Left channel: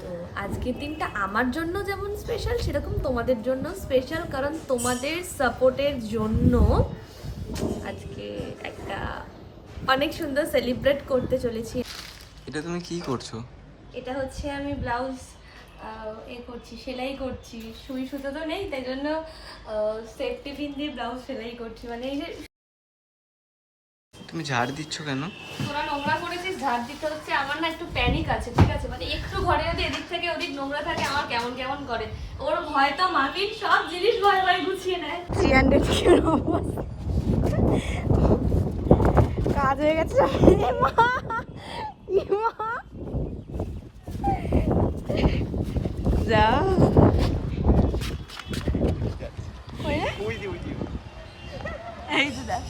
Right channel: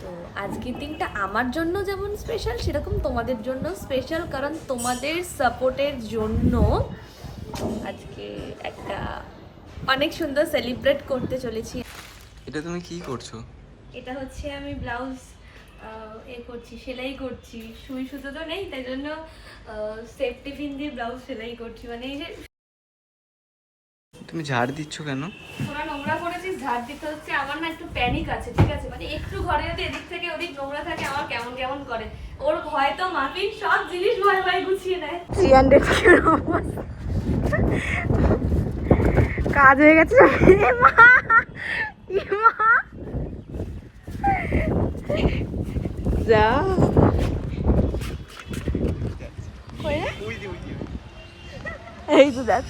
তো আজকের দিনটা আমার জন্য যেমন স্পেশাল সেরকম তোমাদের জন্য স্পেশাল, কারণ তোমাদের সাপোর্টের জন্য আজকে একটা অনেক সুন্দর সেলিব্রেট করতে চলেছি। এটা তুমি কি করছো? এটা হচ্ছে আমি ব্লাউজ করছি, সেলাই করছি। সুই সুতো তো নেই, তাই জন্য সেফটি পিন দিয়ে ব্লাউজ সেলাই করছি। মানে এই যে তুমি ঝাড় দিচ্ছ কেন? তোরা নোংরা করেছিস, ঝাড় দিতে হচ্ছে। আমার না একটু প্যানিক আছে, ঠিক আছে? মানে একটু ঘরে যদি এদিক থেকে ওদিক নোংরা থাকে আমার কেমন কেমন করে। ওর ভয় তো মাফিক সব জিনিস ভয় ভয় গুছিয়ে নেয়। 300 কাজ হয়ে গেছে। যা এই তো দেখ।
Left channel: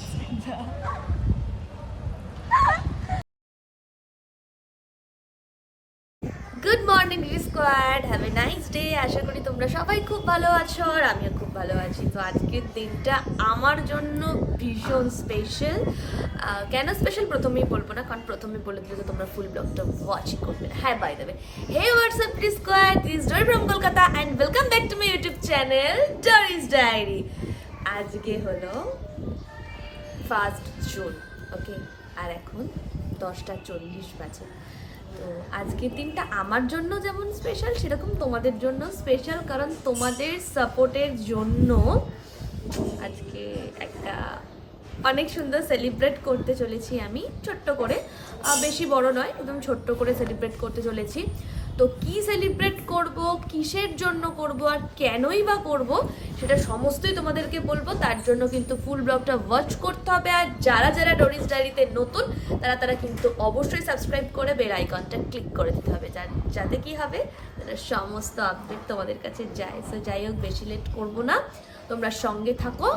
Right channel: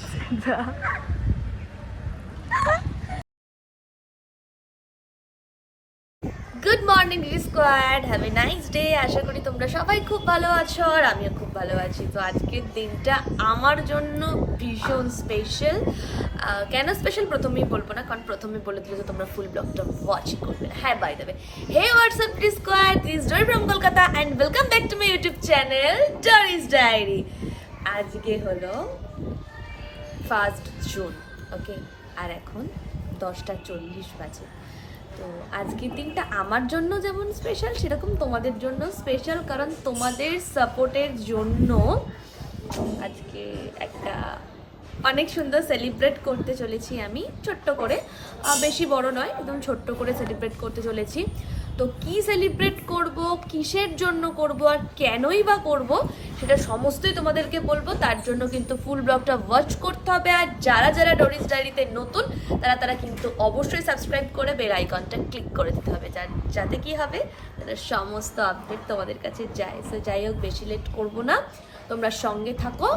Good morning squad, have a nice day. আশা করি তোমরা সবাই খুব ভালো আছো আর আমিও খুব ভালো আছি। তো আজকের দিনটা আমার জন্য ভীষণ স্পেশাল। কেন স্পেশাল প্রথমেই বলবো না, কারণ প্রথমে বলে দিলে তো তোমরা ফুল ব্লগটা ওয়াচই করবে না। হ্যাঁ, by the way, hey WhatsApp squad, this Dory from Kolkata and welcome back to my YouTube channel Dory's diary. আজকে হলো 1 জুন, ওকে, আর এখন 10:40 বাজে। তো আজকের দিনটা আমার জন্য যেমন স্পেশাল সেরকম তোমাদের জন্য স্পেশাল, কারণ তোমাদের সাপোর্টের জন্য আজকে একটা অনেক সুন্দর সেলিব্রেট করতে চলেছি আমি, ছোট্ট করে। বেশি বড় নয়, একদম ছোট্ট করে সেলিব্রেট করতে চলেছি। তো কি সেলিব্রেট করব, কিসের জন্য করব, আর কেনই বা করব, সেটা সমস্তই তোমাদেরকে বলবো। তার জন্য কিন্তু ফুল ব্লগটা ওয়াচ করতে হবে। আর যারা যারা ডরিস ডায়েরিতে নতুন তারা তারা কিন্তু অবশ্যই সাবস্ক্রাইব করে বেল আইকনটা ক্লিক করে দিতে হবে, যাতে কি হবে, তারা সমস্ত আপডেট তোমাদের কাছে যায়। সো যাই হোক, বেশি লেট করব না, তোমরা সঙ্গে থাকো।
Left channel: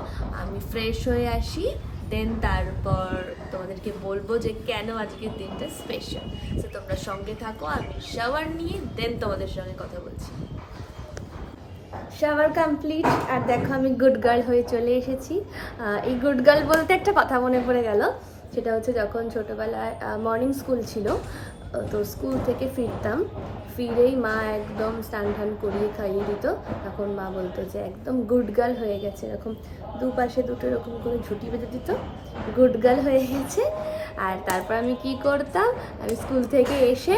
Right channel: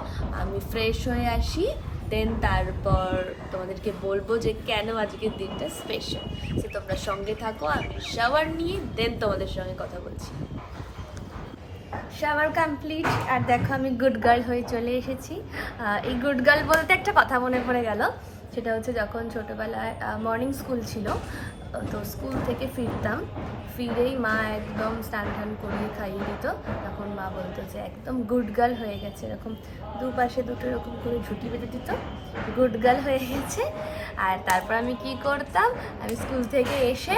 আমি ফ্রেশ হয়ে আসি, দেন তারপর তোমাদেরকে বলবো যে কেন আজকের দিনটা স্পেশাল। সো তোমরা সঙ্গে থাকো, আমি শাওয়ার নিয়ে দেন তোমাদের সঙ্গে কথা বলছি। শাওয়ার কমপ্লিট, আর দেখো আমি গুড গার্ল হয়ে চলে এসেছি। এই গুড গার্ল বলতে একটা কথা মনে পড়ে গেল। সেটা হচ্ছে যখন ছোটোবেলায় মর্নিং স্কুল ছিল, তো স্কুল থেকে ফিরতাম, ফিরেই মা একদম স্নান টান করিয়ে খাইয়ে দিত। তখন মা বলতো যে একদম গুড গার্ল হয়ে গেছে, এরকম দুপাশে দুটো এরকম করে ঝুঁটি বেঁধে দিত, গুড গার্ল হয়ে গেছে। আর তারপর আমি কি করতাম, আমি স্কুল থেকে এসে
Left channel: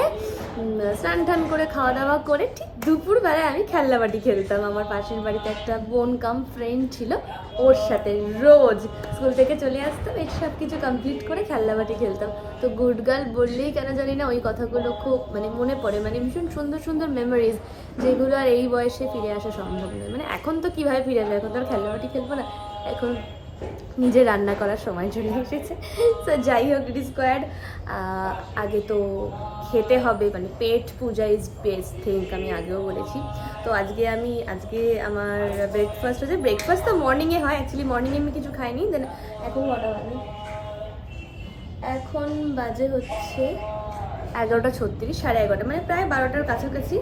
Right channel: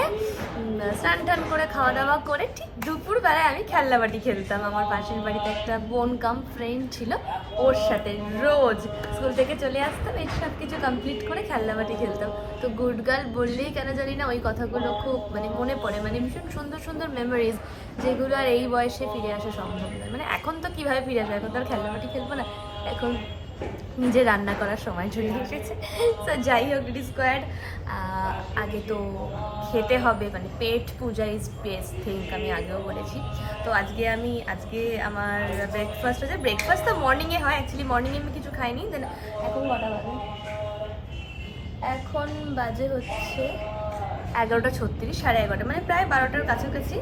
স্নান টান করে খাওয়া দাওয়া করে ঠিক দুপুরবেলায় আমি খেলনাবাটি খেলতাম। আমার পাশের বাড়িতে একটা বোন কাম ফ্রেন্ড ছিল, ওর সাথে রোজ স্কুল থেকে চলে আসতাম, এর সব কিছু কমপ্লিট করে খেলনাবাটি খেলতাম। তো গুড গার্ল বললেই কেন জানি না ওই কথাগুলো খুব মানে মনে পড়ে, মানে ভীষণ সুন্দর সুন্দর মেমোরিজ, যেগুলো আর এই বয়সে ফিরে আসা সম্ভব নয়। মানে এখন তো কীভাবে ফিরে আসবে, এখন তো আর খেলনাবাটি খেলবো না, এখন নিজে রান্না করার সময় চলে এসেছে। তো যাই হোক স্কোয়াড, আগে তো খেতে হবে, মানে পেট পূজা ইজ বেস্ট থিঙ্ক, আমি আগেও বলেছি। তো আজকে আমার ব্রেকফাস্ট হচ্ছে, ব্রেকফাস্ট তো মর্নিংয়ে হয়, অ্যাকচুয়ালি মর্নিংয়ে আমি কিছু খাইনি। দেন এখন কটা বাজে, এখন বাজে হচ্ছে 11:36, 11:30, মানে প্রায় 12টার কাছাকাছি।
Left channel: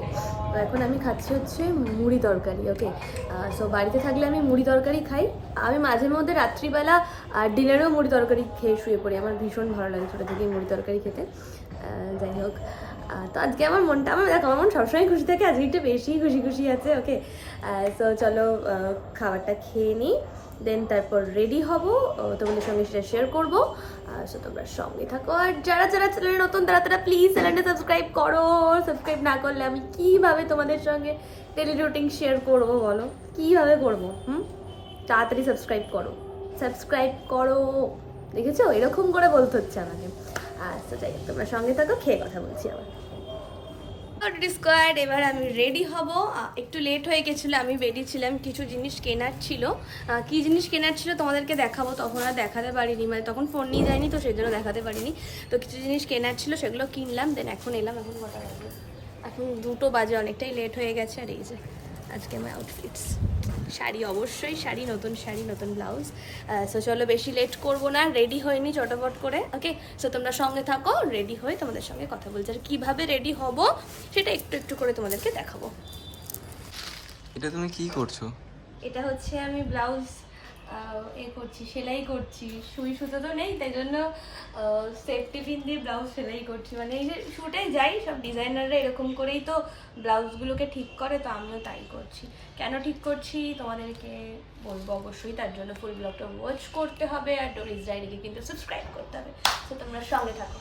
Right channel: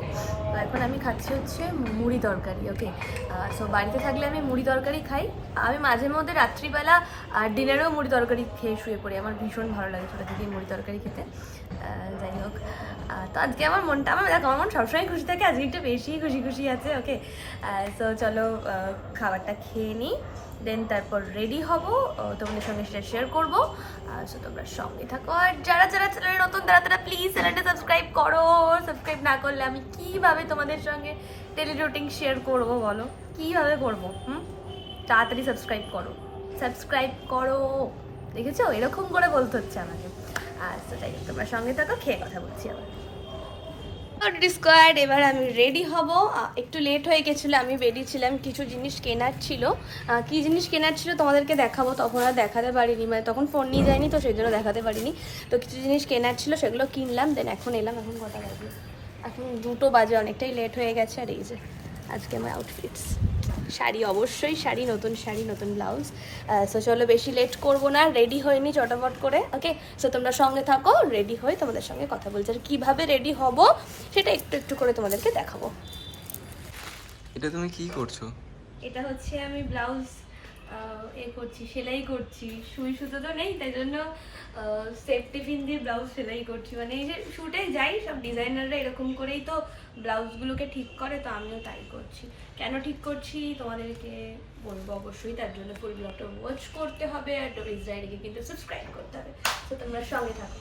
তো এখন আমি খাচ্ছি হচ্ছে মুড়ি তরকারি, ওকে। সো বাড়িতে থাকলে আমি মুড়ি তরকারি খাই, আমি মাঝে মধ্যে রাত্রিবেলা ডিনারেও মুড়ি তরকারি খেয়ে শুয়ে পড়ি, আমার ভীষণ ভালো লাগে ছোটো থেকেই মুড়ি তরকারি খেতে। যাই হোক, তো আজকে আমার দেখো আমার মন সবসময় খুশি থাকে, আজকে একটু বেশি খুশি খুশি আছে, ওকে। সো চলো খাবারটা খেয়ে নিই, দেন তারপর রেডি হব, তোমাদের সঙ্গে সেটা শেয়ার করবো। সো তোমরা সঙ্গে থাকো, আর যারা যারা চ্যানেলে নতুন তারা তারা প্লিজ চ্যানেলটা সাবস্ক্রাইব করো। সাবস্ক্রাইব না করলে আমি কিভাবে তোমাদের সঙ্গে ডেলি রুটিন শেয়ার করবো বলো, কিভাবে করবো? তাড়াতাড়ি সাবস্ক্রাইব করো, সাবস্ক্রাইব করো। দেখেছো, এরকম করে বলতে হচ্ছে আমাকে। তো যাই হোক, তোমরা সঙ্গে থাকো, খেয়ে কথা বলছি আবার। স্কোয়াড, এবার আমি রেডি হব। একটু লেট হয়ে গেছিলো, আমি বেরিয়েছিলাম, কিছু জিনিস কেনার ছিল। কী জিনিস কেনার ছিল তোমাদেরকে দেখাবো, তখন আর দেখাতে পারিনি, মানে তখন ফোন নিয়ে যায়নি, তো সেই জন্য দেখাতে পারিনি। তো কিছু জিনিস কেনার ছিল, সেগুলো কিনলাম, দেন এখন এলাম। এখন কটা বাজে, এখন 2টো বাজে, অনেকটাই লেট হয়ে গেছে। আর এই যে আজকে আমার আউটফিটস, শাড়ি, অবশ্যই শাড়ি, নতুন শাড়ি, নতুন ব্লাউজ। সো চলো বেশি লেট করবো না, রেডি হয়নি চটাপট করে, ওকে। সো তোমরা সঙ্গে থাকো, রেডি হয়ে তোমাদের সঙ্গে কথা বলছি, আর কীভাবে রেডি হব সেটা একটু একটু করে তোমাদেরকে দেখাবো। এটা তুমি কি করছো? এটা হচ্ছে আমি ব্লাউজ করছি, সেলাই করছি। সুই সুতো তো নেই, তাই জন্য সেফটি পিন দিয়ে ব্লাউজ সেলাই করছি। মানে এই যে শুটে যাই, সব ডিজাইনাররা এরকম করেই তো ব্লাউজগুলোকে ঠিক করে, তো আমিও তাই করছি। কেন ঠিক করছি তোমাদেরকে বলবো অবশ্যই, তার জন্য ফুল ব্লগটা ওয়াচ করতে হবে, আর ডোরিস ডায়েরিকে কিন্তু সাবস্ক্রাইব করতে হবে। তো তোমরা সঙ্গে থাকো।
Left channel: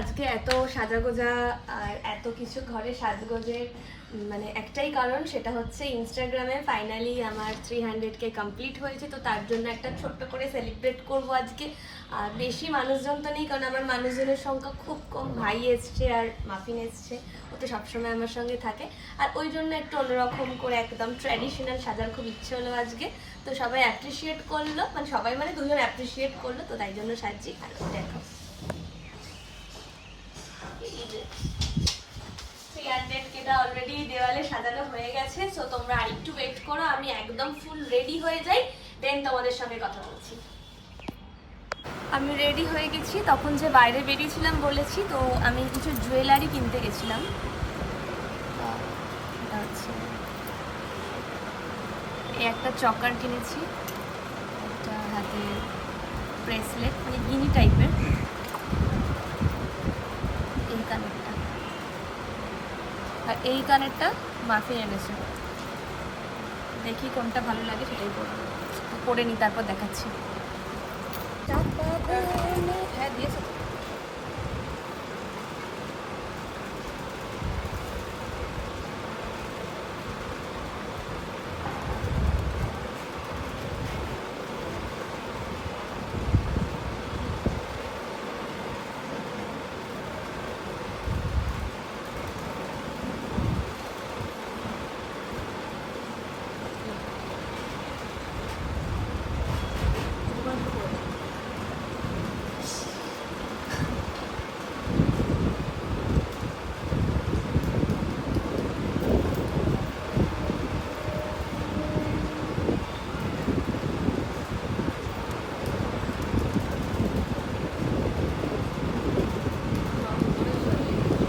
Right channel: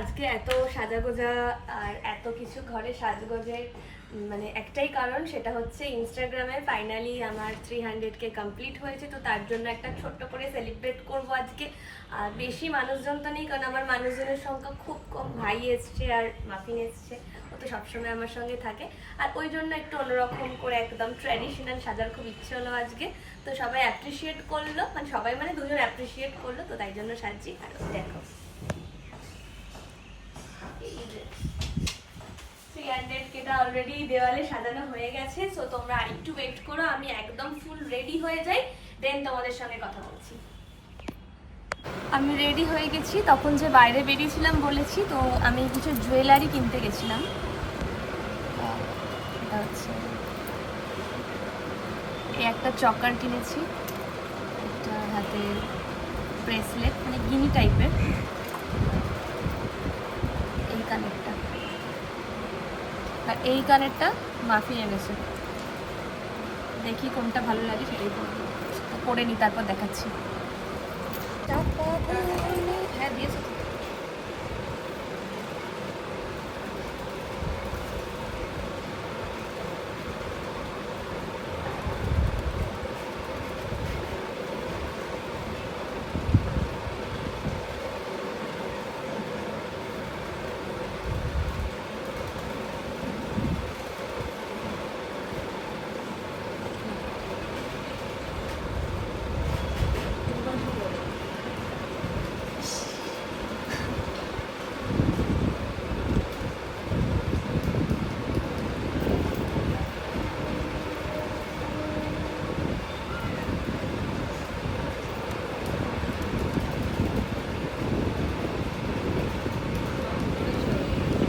আজকে এত সাজাগোজা আর এত কিছু ঘরে সাজগোজের মানে একটাই কারণ, সেটা হচ্ছে ইনস্টাগ্রামে ফাইনালি আমার 300K কমপ্লিট হয়েছে। তো তার জন্য একটা ছোট্ট করে সেলিব্রেট করব আজকে। আর বেশি মানুষজন তো নেই, কারণ আমার মানুষজনের সংখ্যা খুব কম। ভাই এসছে আর মাফিন এসছে, ও তো সবসময় আমার সঙ্গে থাকে। আর ওই জন্য একটু অন্যরকম করে একদম ট্র্যাডিশনাল সাজার খুব ইচ্ছে হলো আজকে। তো সবাই অ্যাপ্রিসিয়েট করলো, মানে সবাই মানে দুজন অ্যাপ্রিসিয়েট করলো, তো তাই জন্য সাজছি। আর দেখো 300Kটা অলরেডি দেওয়ালে সাজানো হয়ে গেছে। সো তোমরা আরেকটু ওয়েট করো, আমি একদম ফুল রেডি হয়ে যাই, দেন তোমাদের সঙ্গে কথা বলছি। আমি রেডি হয়ে গেছি, তখন যে বাইরে বেরিয়েছিলাম বলেছি, তো আমি কিছু জুয়েলারি কিনতে গেছিলাম। এটা হচ্ছে এই একটা চকার কিনেছি, একটা হাতে ব্রেসলেট মানে গিনি টাইপের, এই কানেরটা, আর এই কানেরটা মাফিন এনেছে। দেখি কোনটা ভালো লাগে সেটাই পরবো, পরে নি তারপর দেখাচ্ছি। হ্যাঁ দিয়েছে।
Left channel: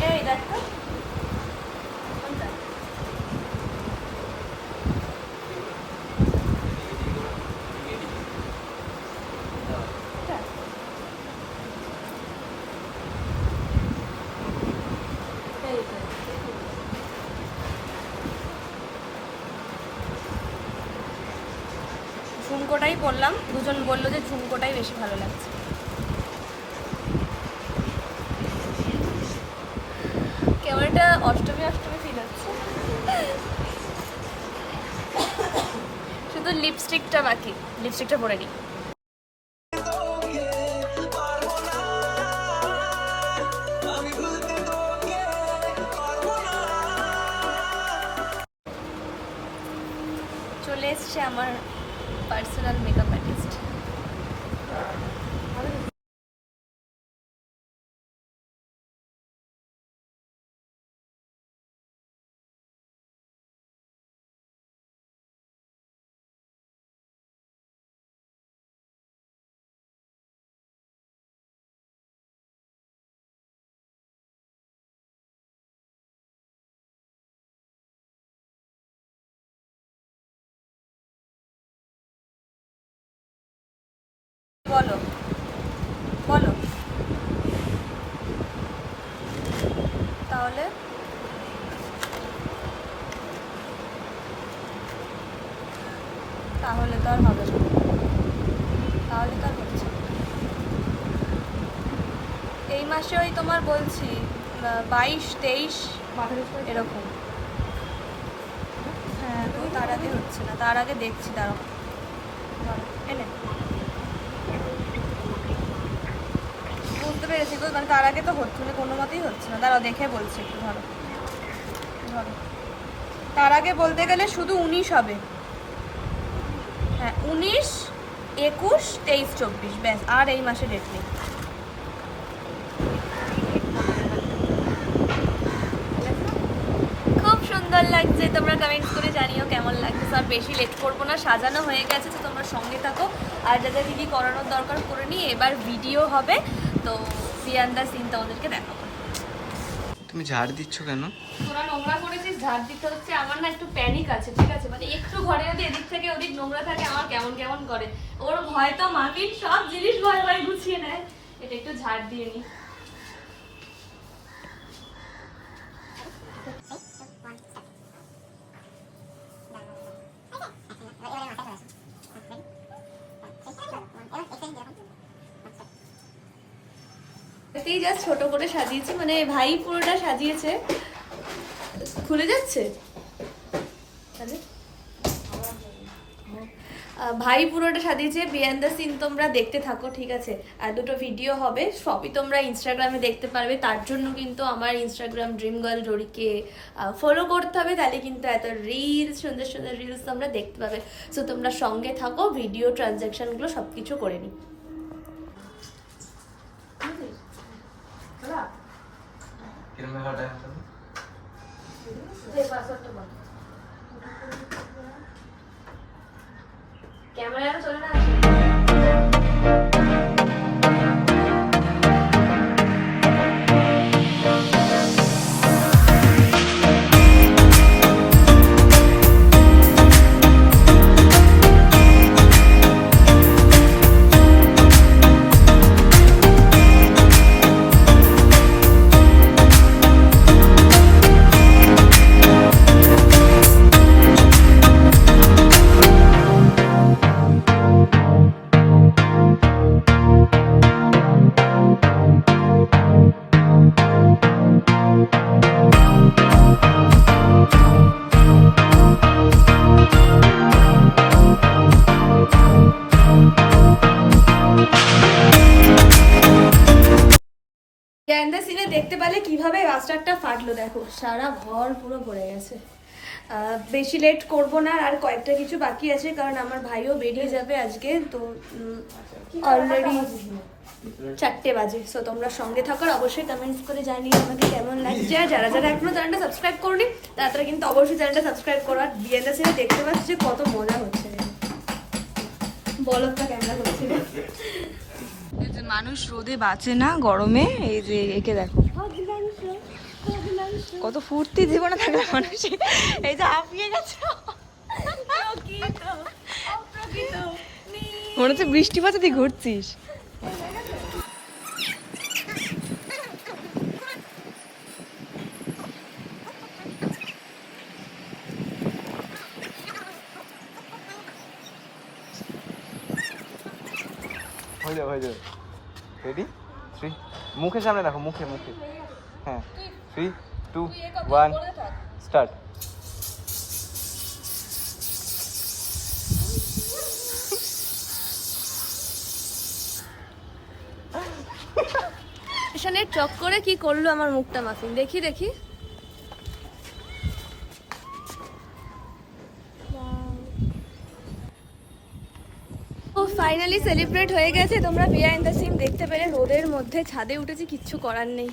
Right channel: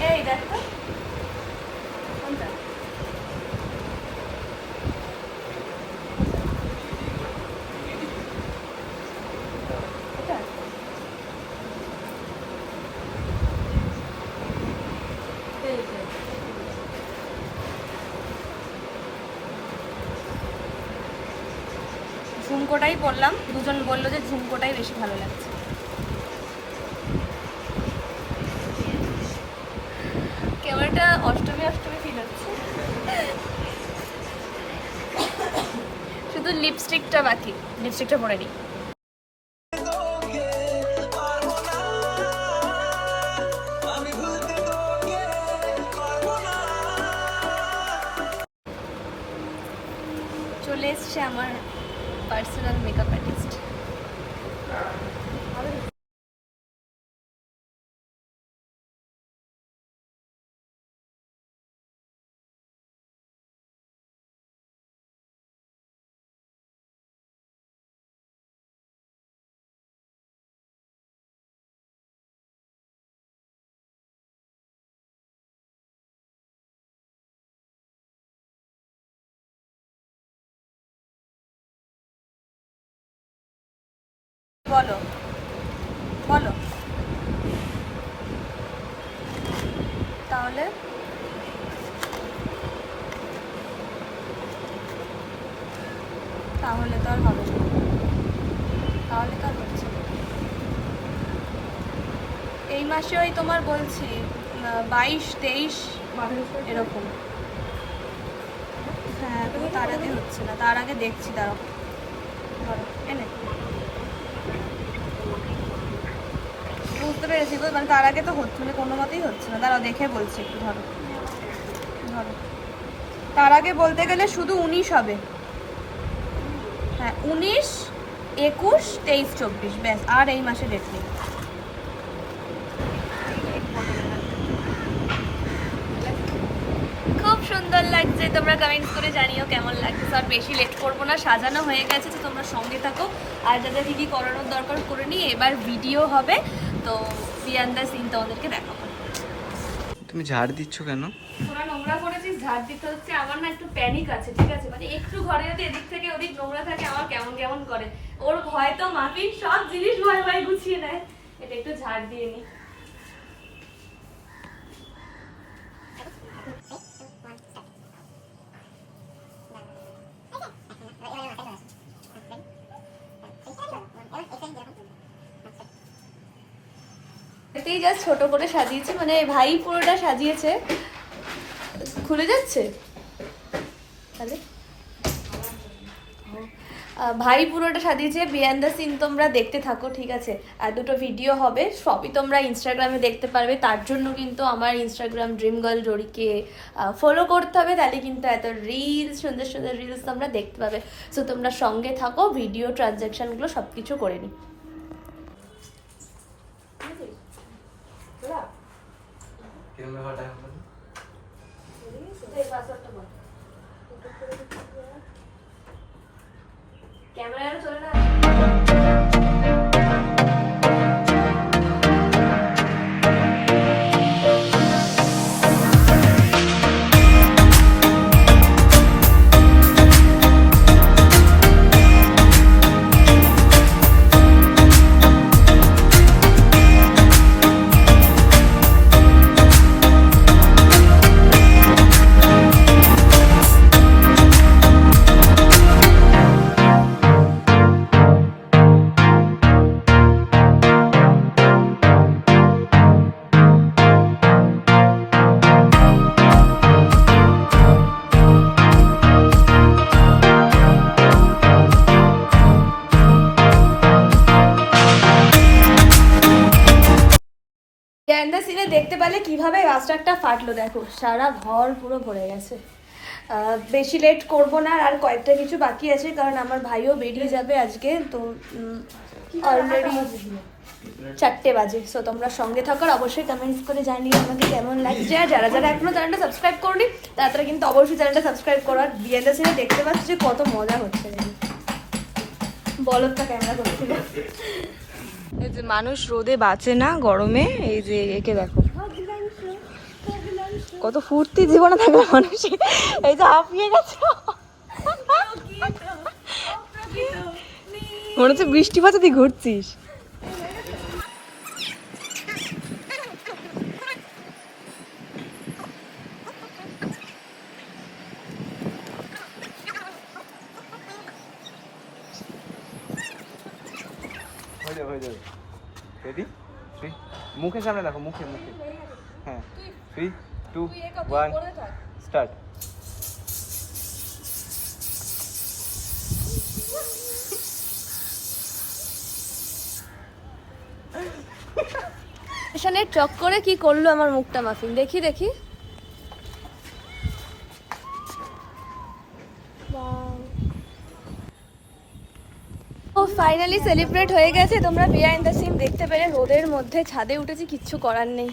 এই দেখো কোনটা, এটা এই যে। ঝুমকোটাই পরলাম, দুজন বললো যে ঝুমকোটাই বেশি ভালো লাগছে। ক্যামেরাটা অষ্টমী ছিল। শুধু লিপস্টিকটা বাকি, লিপস্টিকটা পরে নিই। চলে এসছে আমার পার্সোনাল মেকআপ আর্টিস্ট। বলো বলো তাহলে। তাহলে তো আর হবে না, তাহলে তো আর হচ্ছে না। এই মাসে ওই তোমার বলছি 22-23 এরকম। হ্যাঁ তার আগে হচ্ছে না, তার আগে দেখছি। দাঁড়াও এনে বুঝতে পেরেছি, মানে তার আগে তো হচ্ছে না, কোনো মতেই হচ্ছে না। দাঁড়াও দেখে বলছি একটু। ধরো ধরো, তার আগে বলতে গেলে শুধু 19 হবে। হ্যাঁ 19, 21, 23, 24 ব্যাস, আর এই মাসে ডেট নেই। খুব সুন্দর লাগছে, তোমরা কমেন্টস করে জানিও কেমন লাগছে। আর বেশি লেট করবো না, সাজানো হয়ে গেছে, তো তোমরা সঙ্গে থাকো। আর যাদের কি করানোর দরকার করে নিয়ে এবার ভিডিও হবে, তো বিহাইন্ড দ্য সিন তোমাদেরকে দেখাবো। তুমি ঝাড় দিচ্ছ কেন? তোরা নোংরা করেছিস, ঝাড় দিতে হচ্ছে। আমার না একটু প্যানিক আছে, ঠিক আছে? মানে একটু ঘরে যদি এদিক থেকে ওদিক নোংরা থাকে আমার কেমন কেমন করে। ওর ভয় তো মাফিক সব জিনিস ভয় ভয় গুছিয়ে নেয়। এটা একটু ঝাড় দিয়ে নি। এতেই জাস্ট ছোট করে সাজিয়েছি, মানে ভাই পুরোটা সাজিয়েছে। খুলে যাচ্ছে তাহলে ভাই পুরোটা সাজিয়েছে। বিহাইন্ড দ্য সিন তোমরা দেখতে থাকো, ঠিক আছে? আর দুটো ভিডিও হবে, সবই তোমরা ইনস্টাগ্রামে দেখতে পারবে। তার জন্য কিন্তু আমার ইনস্টাগ্রাম ড্রিম গার্ল জরিকে ফলো করতে হবে, তাহলে কিন্তু এত রিলস, সুন্দর সুন্দর রিলস তোমরা দেখতে পাবে। সো তোমরা সঙ্গে থাকো, ভিডিও ট্রানজ্যাকশনগুলো সব কিছু করে নিই। ক্যামেরা চলে না। সিনে দেখতে পেলে কিভাবে রাস্তাটা ফাটলো, দেখো সারা ঘর পুরো ভরে গেছে। বেশি লেট করব না, আর কয়েকটা কিছু বাকি আছে, কারণ আমার ভাইও বেরিয়ে যাবে আজকে। তো অলরেডি 4টে বাজে। সো তোমরা সঙ্গে থাকো, অবশ্যই কমেন্টস করে জানিও আমাকে কেমন লাগছে। আর যারা যারা এখনো চ্যানেলটা সাবস্ক্রাইব করনি তারা কিন্তু অবশ্যই চ্যানেলটা সাবস্ক্রাইব করো। আর বিহাইন্ড দ্য সিনে দেখতে পাচ্ছ যে কত মজা হচ্ছে। বলটা ক্যামেরা করছে। এই যে মানুষ রোদে বাঁচে না, গরমে। এই যে একে দেখো কত ফুর্তি জীবনে থাকলে মানুষ। এই যে হাঁপিয়ে গেছে, মনে হচ্ছে বৃষ্টি পাচ্ছে, তুই ঘুরছিস। হয়ে যাবে। রেডি? 3, মুখের সামনে রাখো, মুখে মুখে। হ্যাঁ 3, 2, 1 স্টার্ট। স্টেশনের চক্করে কি করলো আমার মুখটা মাফিন, দেখি দেখি। ও ফাইনালি সেলিব্রেট হয়ে গেছে। তোমরা বিহাইন্ড দ্য সিন দেখতে পেলে, রোদের মধ্যে ছাদে উঠেছি, কিচ্ছু করার নেই।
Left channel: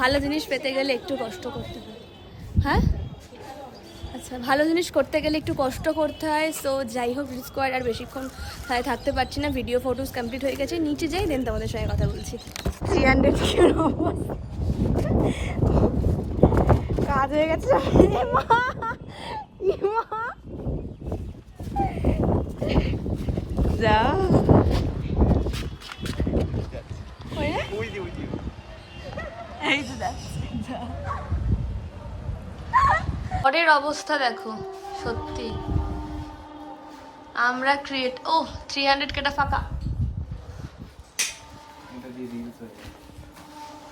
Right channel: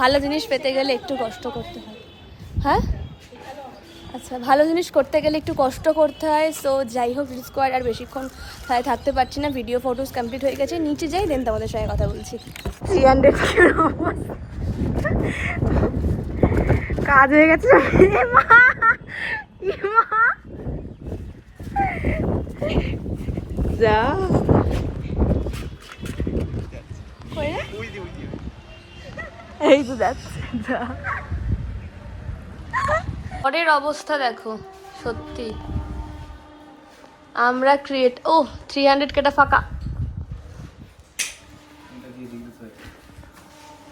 ভালো জিনিস পেতে গেলে একটু কষ্ট করতে হয়। হ্যাঁ আচ্ছা, ভালো জিনিস করতে গেলে একটু কষ্ট করতে হয়। সো যাই হোক, স্কোয়ার আর বেশিক্ষণ থাকতে পারছি না। ভিডিও ফটোস কমপ্লিট হয়ে গেছে, নিচে যাই দেন তোমাদের সঙ্গে কথা বলছি। 300 কাজ হয়ে গেছে। যা এই তো দেখ, পরের অবস্থা দেখো। সত্যি আমরা ক্রিয়েট, ও 300 কেটা ফাঁকা।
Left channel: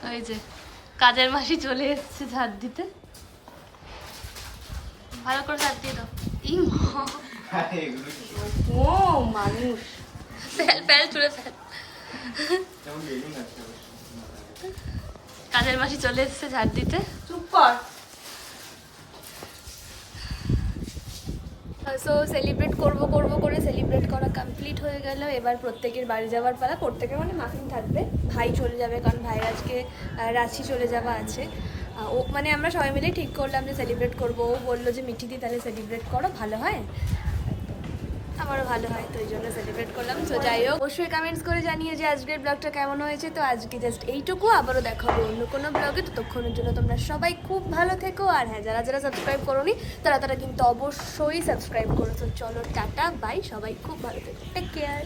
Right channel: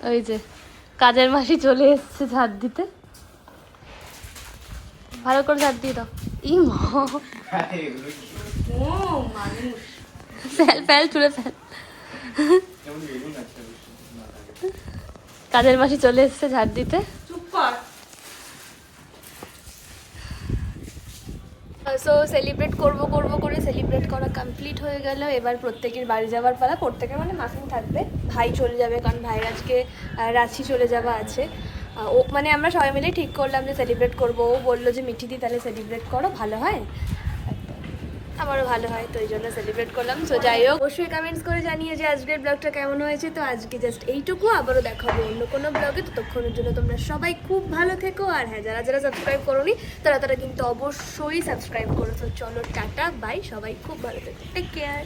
ওই যে কাজের মাসি চলে এসছে ঝাড় দিতে। ভালো করে ঝাড় দিয়ে দাও। ই মানুষ ফেল তুলে ফেল। কাজের মাসি চলে এসছে ঝাড় দিতে। চুপ কর। সো সেলিব্রেট করবো করে সেলিব্রেট করা কমপ্লিট হয়ে গেল। এবার প্রত্যেকের বাড়ি যাওয়ার পালা। প্রত্যেকের মানে মাফিন থাকবে, ভাই চলে যাবে, কারণ ভাইয়ের আজকে রাঁচি চলে যাওয়া আছে। ও মানে আমরা সবাই মিলে ঠিক করলাম যে সেলিব্রেট করবো। ও বললো যে মিঠি দি তাহলে সেলিব্রেট করো, ভালো হয়, আমারও ভালো হয়, তো এই জন্য সেলিব্রেট করলাম। সো যাই হোক, অবশ্যই কমেন্টস করে জানিয়ে যে আজকের ব্লগটা কেমন হয়েছে। তো আজকে জাস্ট এইটুকু, আবারও দেখা হবে অন্য কোনো ব্লগে। ততক্ষণের জন্য তোমরা সবাই খুব ভালো থেকো। আর হ্যাঁ, যারা যারা সাবস্ক্রাইব করোনি তারা কিন্তু অবশ্যই সাবস্ক্রাইব করো। তো চলো টাটা বাই, সবাই খুব ভালো থেকো, টেক কেয়ার।